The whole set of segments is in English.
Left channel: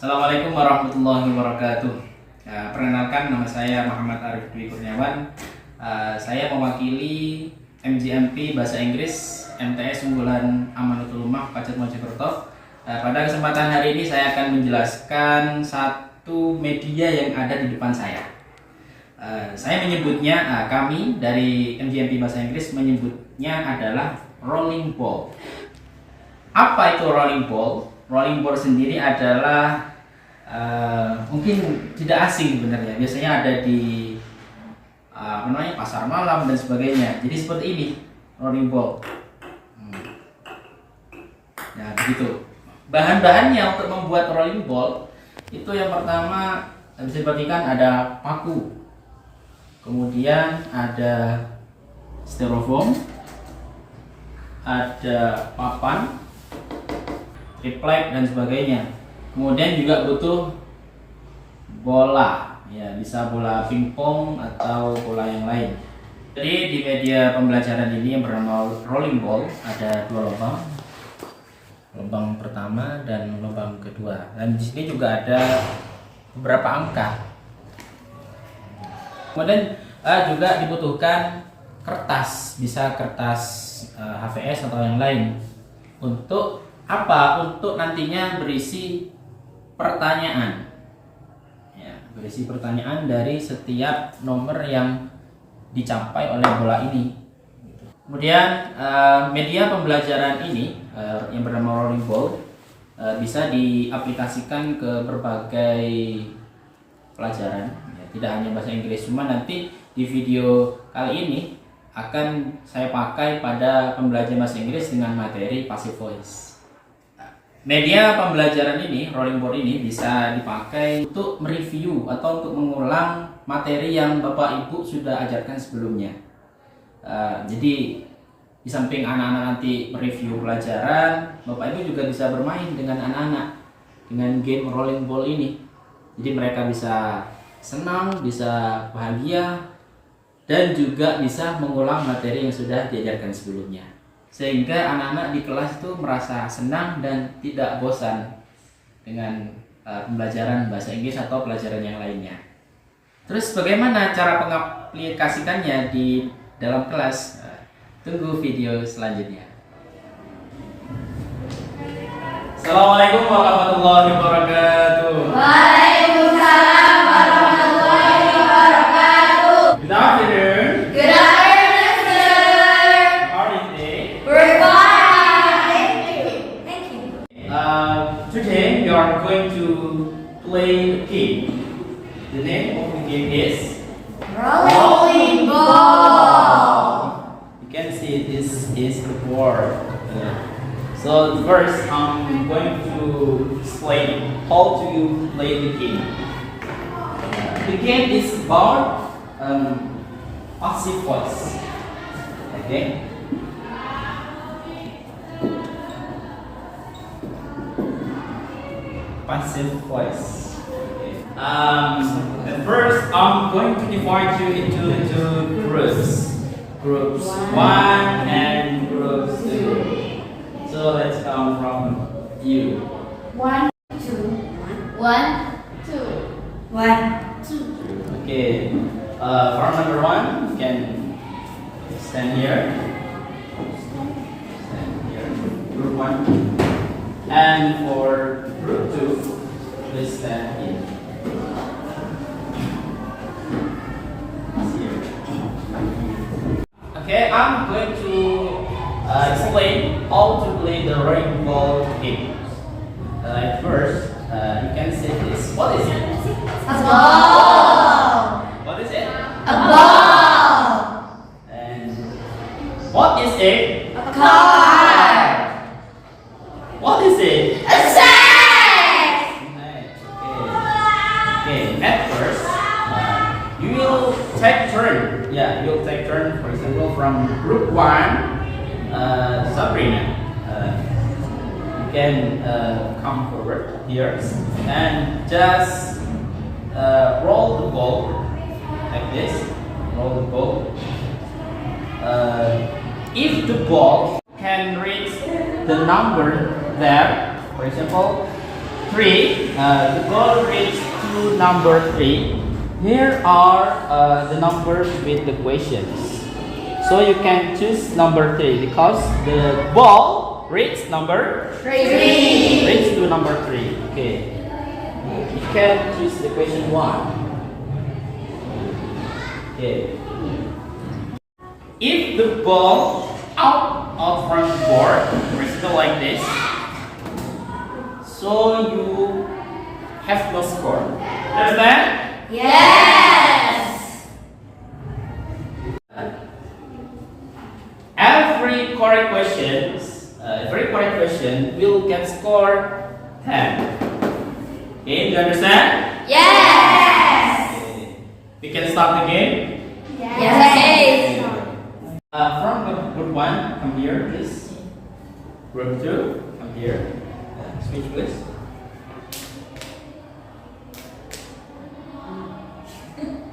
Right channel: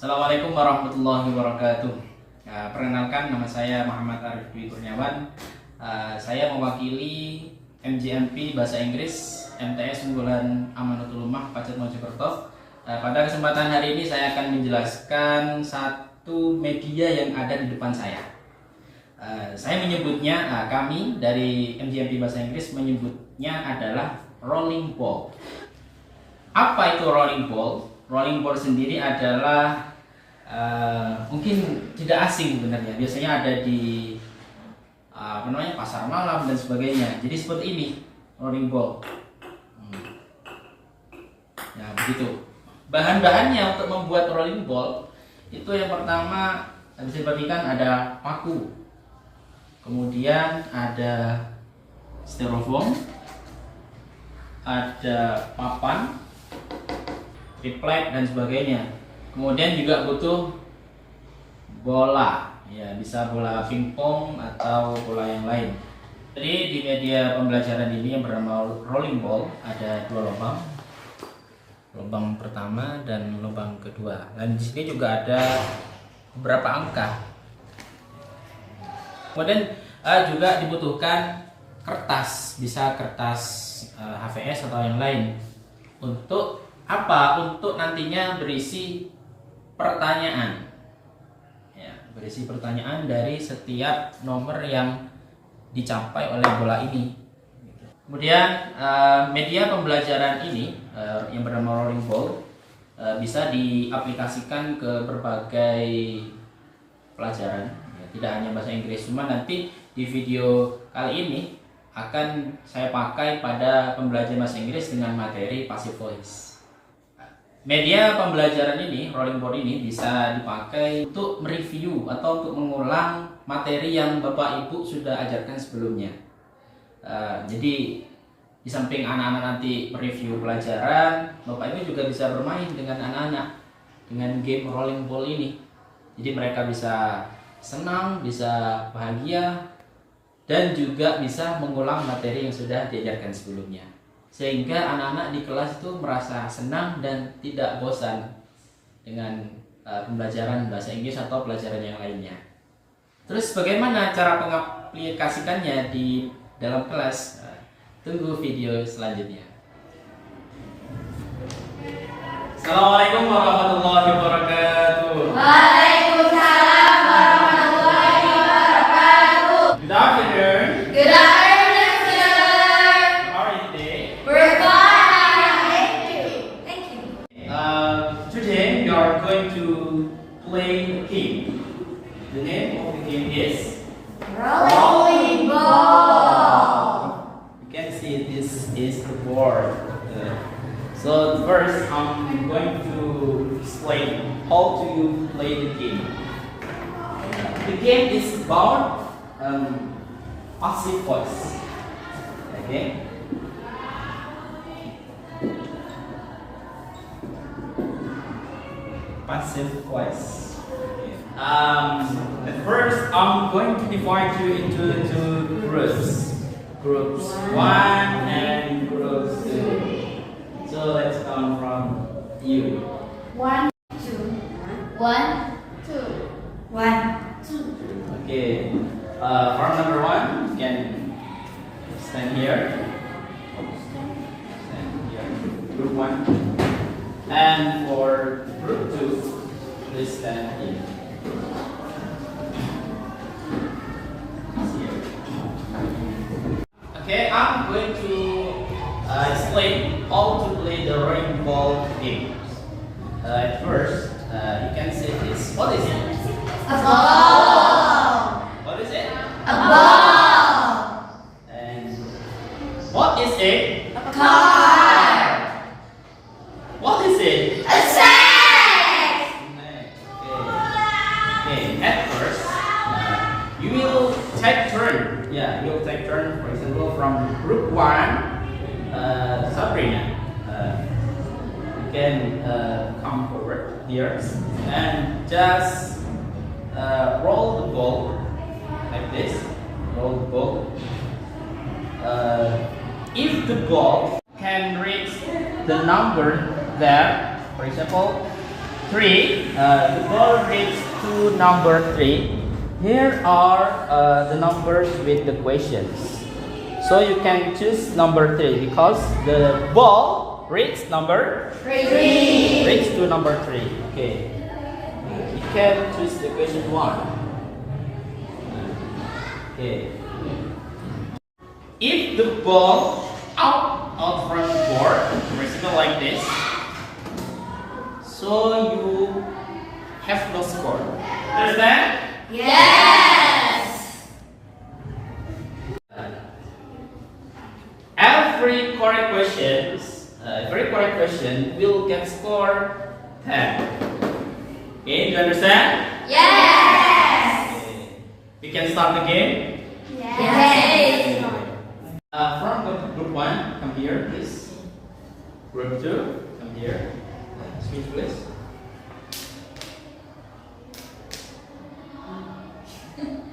Assalamualaikum warahmatullahi wabarakatuh. Perkenalkan, nama saya Muhammad Arif Dwi Kurniawan. Saya mewakili MJMP Bahasa Inggris MTS Unggulan Amanutul Ummah Pacet Mojokerto. Pada kesempatan hari ini saya akan menjelaskan satu media yang ada di depan saya. Saya menyebutnya, kami dari MJMP Bahasa Inggris menyebutnya adalah rolling ball. Apa itu rolling ball? Rolling ball sendiri adalah mungkin tidak asing sebenarnya. Biasanya ada di pasar malam dan sebagainya. Jadi seperti ini rolling ball. Nah, begitu. Bahan-bahannya untuk membuat rolling ball itu yang pertama bisa diperhatikan ada paku, kemudian ada styrofoam, ada papan, triplek dan sebagainya. Kemudian juga butuh bola, ya bisa bola pingpong atau bola yang lain. Jadi di media pembelajaran ini yang bernama rolling ball ada dua lubang pertama dan lubang kedua. Dan di sini juga ada beberapa angka. Kemudian juga dibutuhkan kertas, bisa kertas HVS atau yang lain. Untuk apa? Untuk nantinya berisi pertanyaan, ya, berisi pertanyaan dari setiap nomor yang dicapai oleh bola ini. Kemudian media pembelajaran ini yang bernama rolling ball bisa diaplikasikan ke berbagai pelajaran, ya, tidak hanya bahasa Inggris. Cuma nanti di video kali ini akan saya pakai pada pembelajaran bahasa Inggris dengan materi passive voice. Media pembelajaran ini, rolling board ini bisa dipakai untuk mereview atau untuk mengulang materi yang Bapak Ibu sudah ajarkan sebelumnya. Jadi di samping anak-anak nanti mereview pelajaran, Bapak Ibu juga bisa bermain dengan anak-anak dengan game rolling ball ini. Jadi mereka bisa senang, bisa bahagia, dan juga bisa mengulang materi yang sudah diajarkan sebelumnya. Sehingga anak-anak di kelas itu merasa senang dan tidak bosan dengan pembelajaran bahasa Inggris atau pelajaran yang lainnya. Terus bagaimana cara mengaplikasikannya di dalam kelas? Tunggu video selanjutnya. Assalamualaikum warahmatullahi wabarakatuh. Waalaikumsalam warahmatullahi wabarakatuh. Good afternoon. Good afternoon, sir. How are you today? We're fine. Thank you. Thank you. Today we are going to play a game. The name of the game is Rolling ball. You can see this is the board. So first I'm going to explain how to you play the game. The game is about passive voice. Okay. Passive voice. At first, I'm going to divide you into groups. Groups 1 and groups 2. So let's come from you. 1, 2, 1, 2, 1, 2. Okay. For number 1, you can stand here. Stand here. Group 1. And for group 2, please stand here. Okay, I'm going to explain how to play the rolling ball game. At first, you can say this. What is it? A ball. What is it? A ball. And what is it? A car. What is it? A sack. Nice. Okay. At first, you will take turn. Yeah, you'll take turn. For example, from group 1, Sabrina. You can come forward here and just roll the ball like this. Roll the ball. If the ball can reach the number there, for example, 3, the ball reached to number 3. Here are the numbers with the questions. So you can choose number 3 because the ball reached number 3. reached to number 3. Okay. You can choose the question 1. Okay. If the ball out from the board, horizontal like this, so you have no score. Understand? Yes. Every correct question will get score 10. Okay, you understand? Yes. Okay. We can start again. Yes. From group 1, come here, please. Group 2, come here. Switch, please.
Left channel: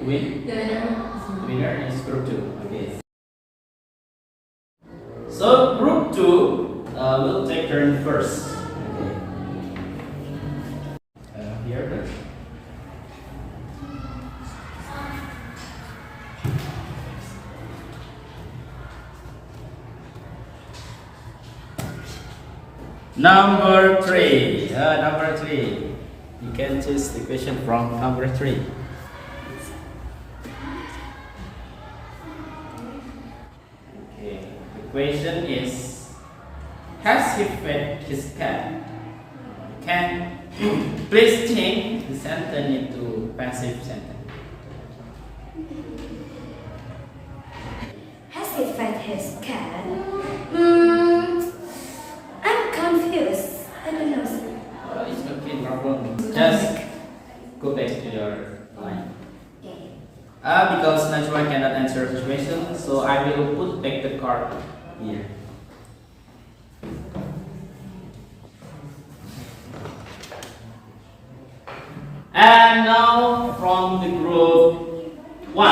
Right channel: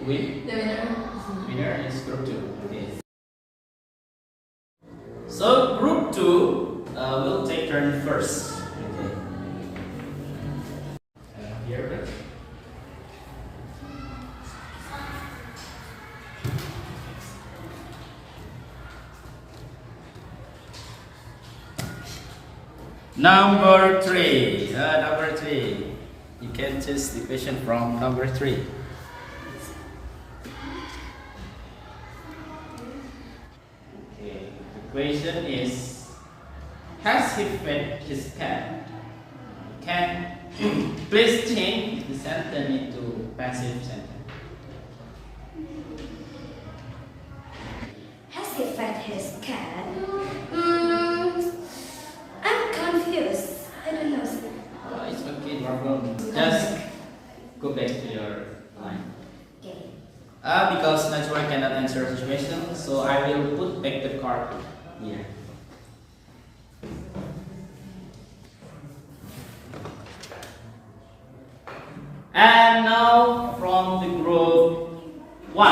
Winner is group 2. Okay. So group 2 will take turn first. Okay. Here, please. Number 3. Number 3. You can choose the question from number 3. Okay. The question is: has he fed his cat? Can please change the sentence into passive sentence. Has he fed his cat? I'm confused. I don't know, sir. It's okay, no problem. Just go back to your line. Okay. Because Najwa cannot answer this question, so I will put back the card here. And now from the group 1,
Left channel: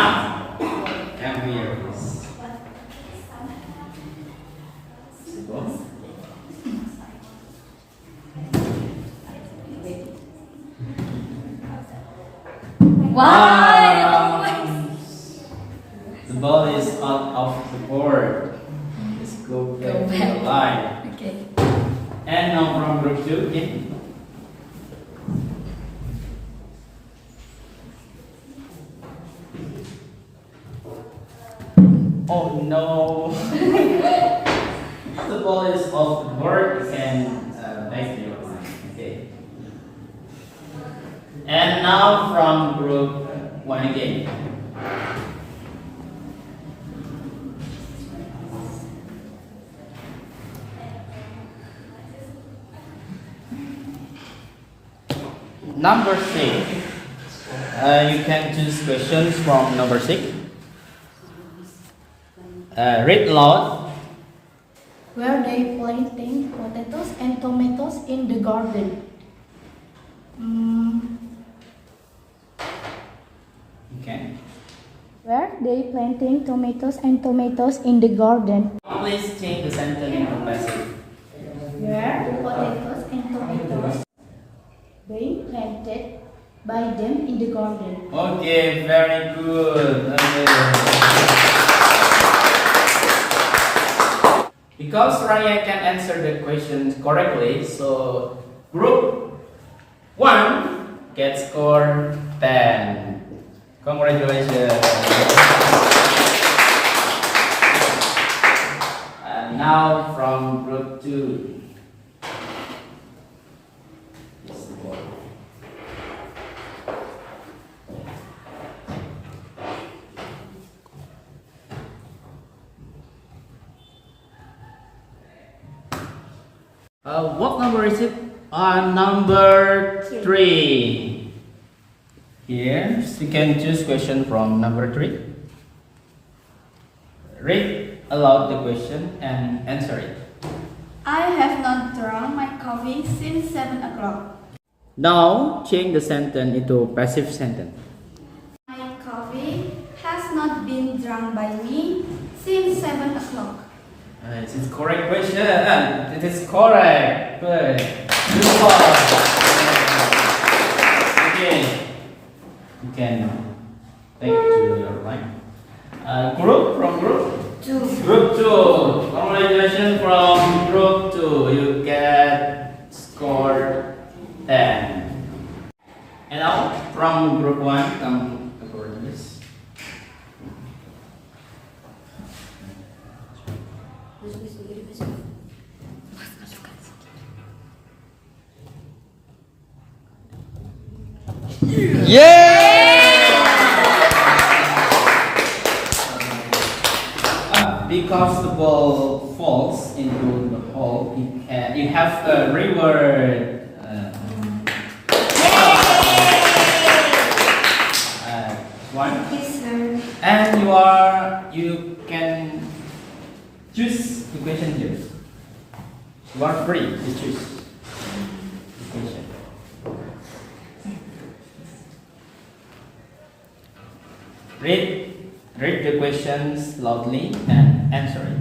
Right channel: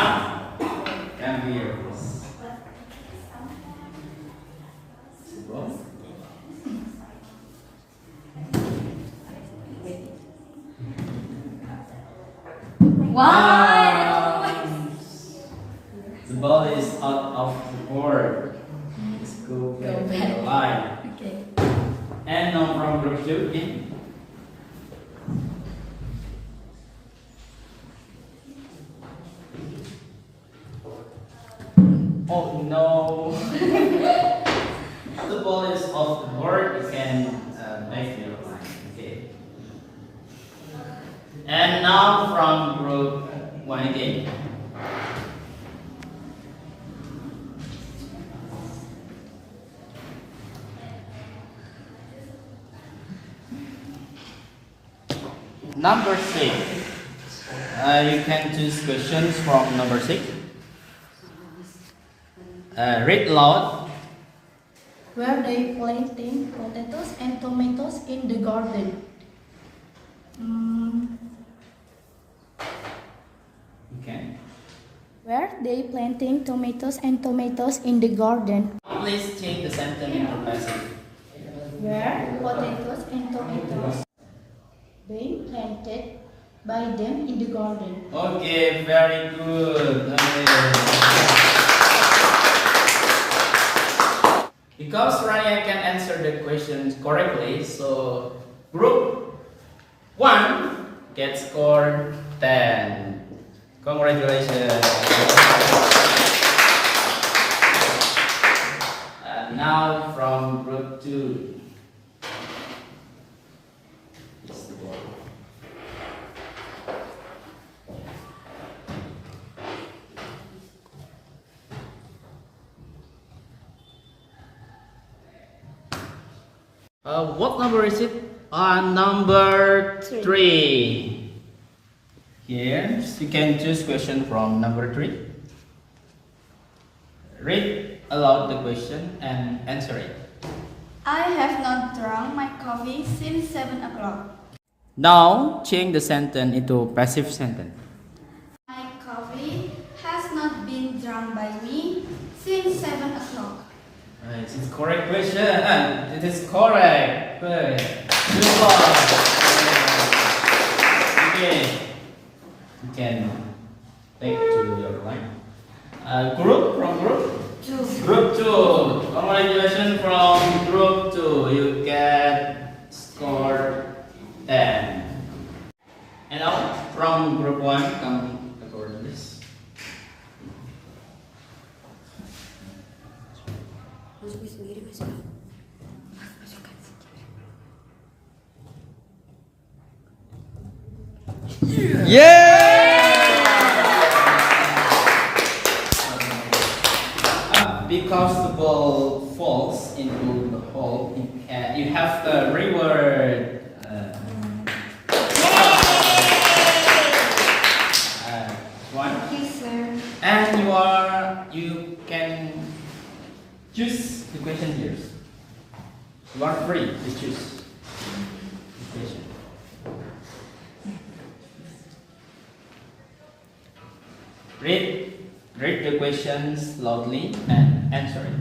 come here, please. Go. Wow. The ball is out of the board. Just go back to the line. Okay. And now from group 2, okay? Oh no! The ball is off the board. You can back to your line. Okay. And now from group 1 again. Number 6. You can choose questions from number 6. Read aloud. Were they planting potatoes and tomatoes in the garden? Okay. Were they planting tomatoes and tomatoes in the garden? Please change the sentence into passive. Were potatoes and tomatoes they planted by them in the garden? Okay, very good. Okay. Because Rania can answer the questions correctly, so group 1 gets score 10. Congratulations. And now from group 2. What number is it? Number 3. Here, you can choose question from number 3. Read aloud the question and answer it. I have not drunk my coffee since 7 o'clock. Now, change the sentence into passive sentence. My coffee has not been drunk by me since 7 o'clock. It's correct question. It is correct. Good. Good job. You can take to your right. Group from group. Group 2. Congratulations from group 2. You get score 10. And now from group 1, come according to this. Because the ball falls into the hole, you have a reward. One. Yes, sir. And you can choose the question here. You are free to choose the question. Read the questions loudly and answer it.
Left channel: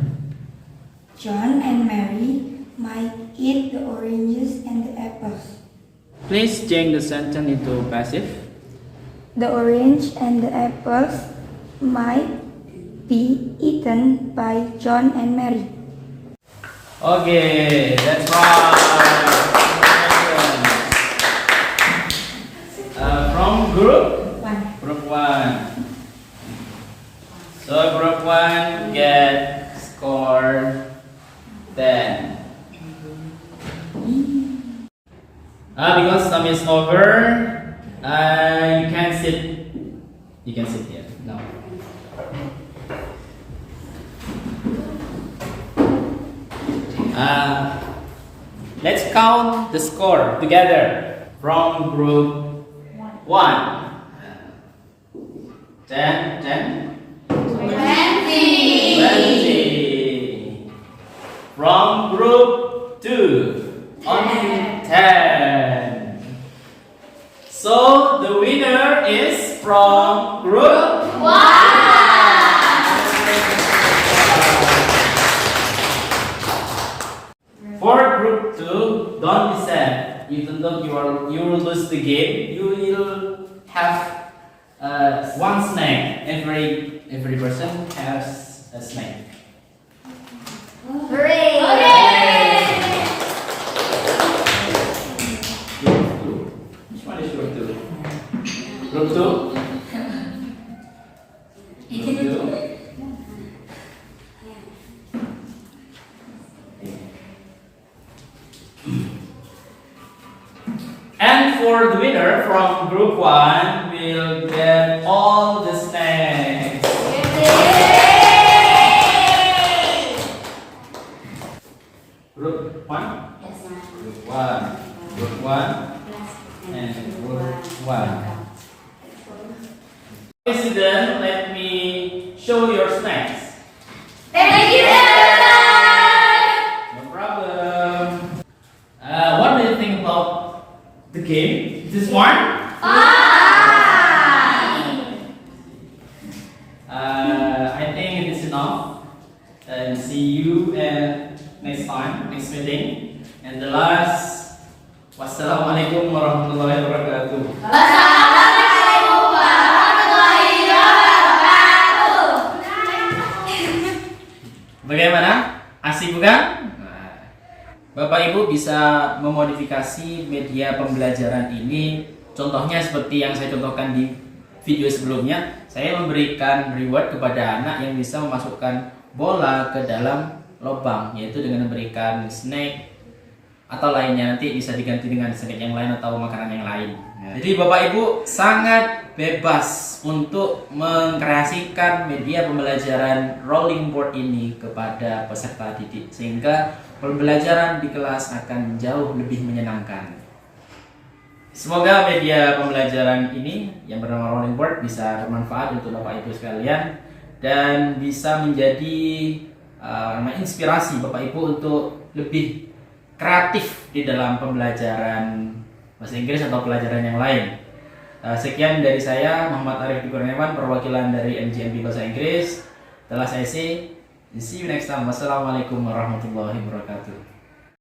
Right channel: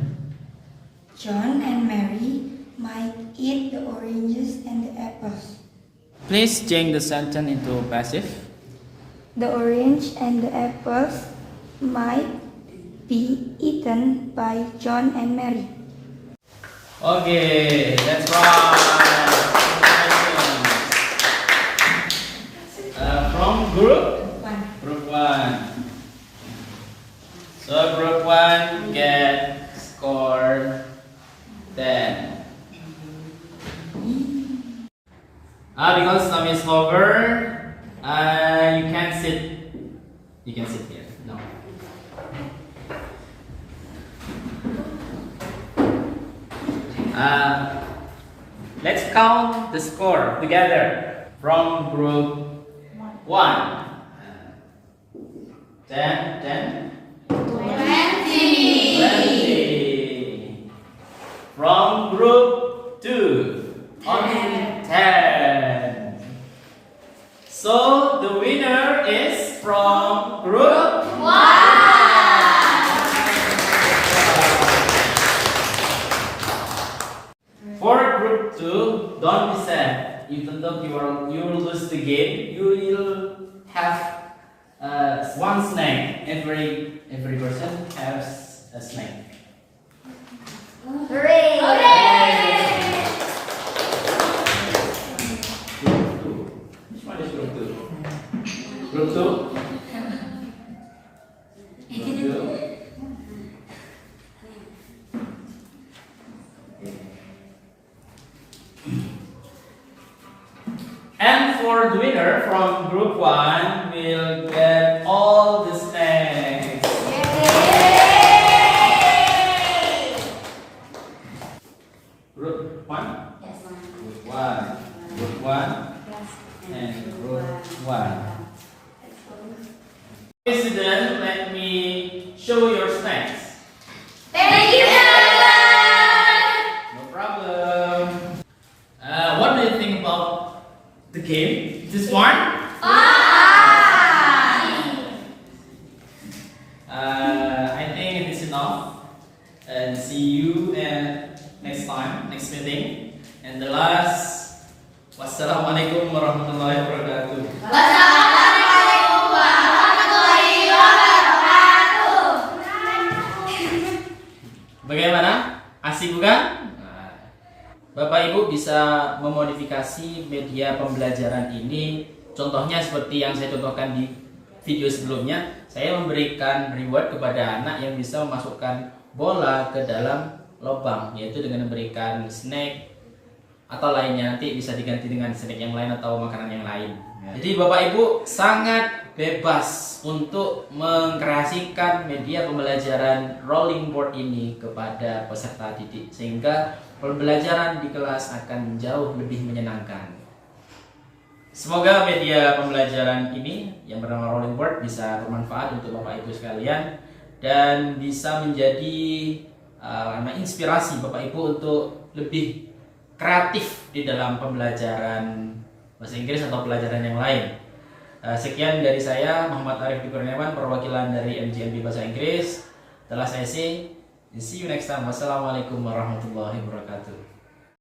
John and Mary might eat the oranges and the apples. Please change the sentence into passive. The orange and the apples might be eaten by John and Mary. Okay, that's right. From group 1. So group 1 get score 10. Because time is over, you can sit. You can sit here. No. Let's count the score together from group 1. 10. 20. From group 2, only 10. So the winner is from group 1. For group 2, don't be sad. Even though you will lose the game, you will have one snack. Every person has a snack. Hooray! Group 2. Which one is group 2? Group 2? Group 2? And for the winner from group 1 will get all the snacks. Group 1? Yes, Group 1. Group 1 and group 1. President, let me show your snacks. Thank you, everyone! No problem. What do you think about the game? This one? I think it is enough. And see you next time, next meeting. And the last, wassalamualaikum warahmatullahi wabarakatuh. Wassalamualaikum warahmatullahi wabarakatuh. Bagaimana? Asik bukan? Bapak Ibu bisa memodifikasi media pembelajaran ini. Contohnya seperti yang saya contohkan di video sebelumnya. Saya memberikan reward kepada anak yang bisa memasukkan bola ke dalam lubang, yaitu dengan memberikan snack atau lainnya. Nanti bisa diganti dengan snack yang lain atau makanan yang lain. Jadi Bapak Ibu sangat bebas untuk mengkreasikan media pembelajaran rolling board ini kepada peserta didik, sehingga pembelajaran di kelas akan jauh lebih menyenangkan. Semoga media pembelajaran ini yang bernama rolling board bisa bermanfaat untuk Bapak Ibu sekalian dan bisa menjadi inspirasi Bapak Ibu untuk lebih kreatif di dalam pembelajaran bahasa Inggris atau pelajaran yang lain. Sekian dari saya, Muhammad Arif Dikurniawan, perwakilan dari MGMP Bahasa Inggris. Telah saya see you next time. Wassalamualaikum warahmatullahi wabarakatuh.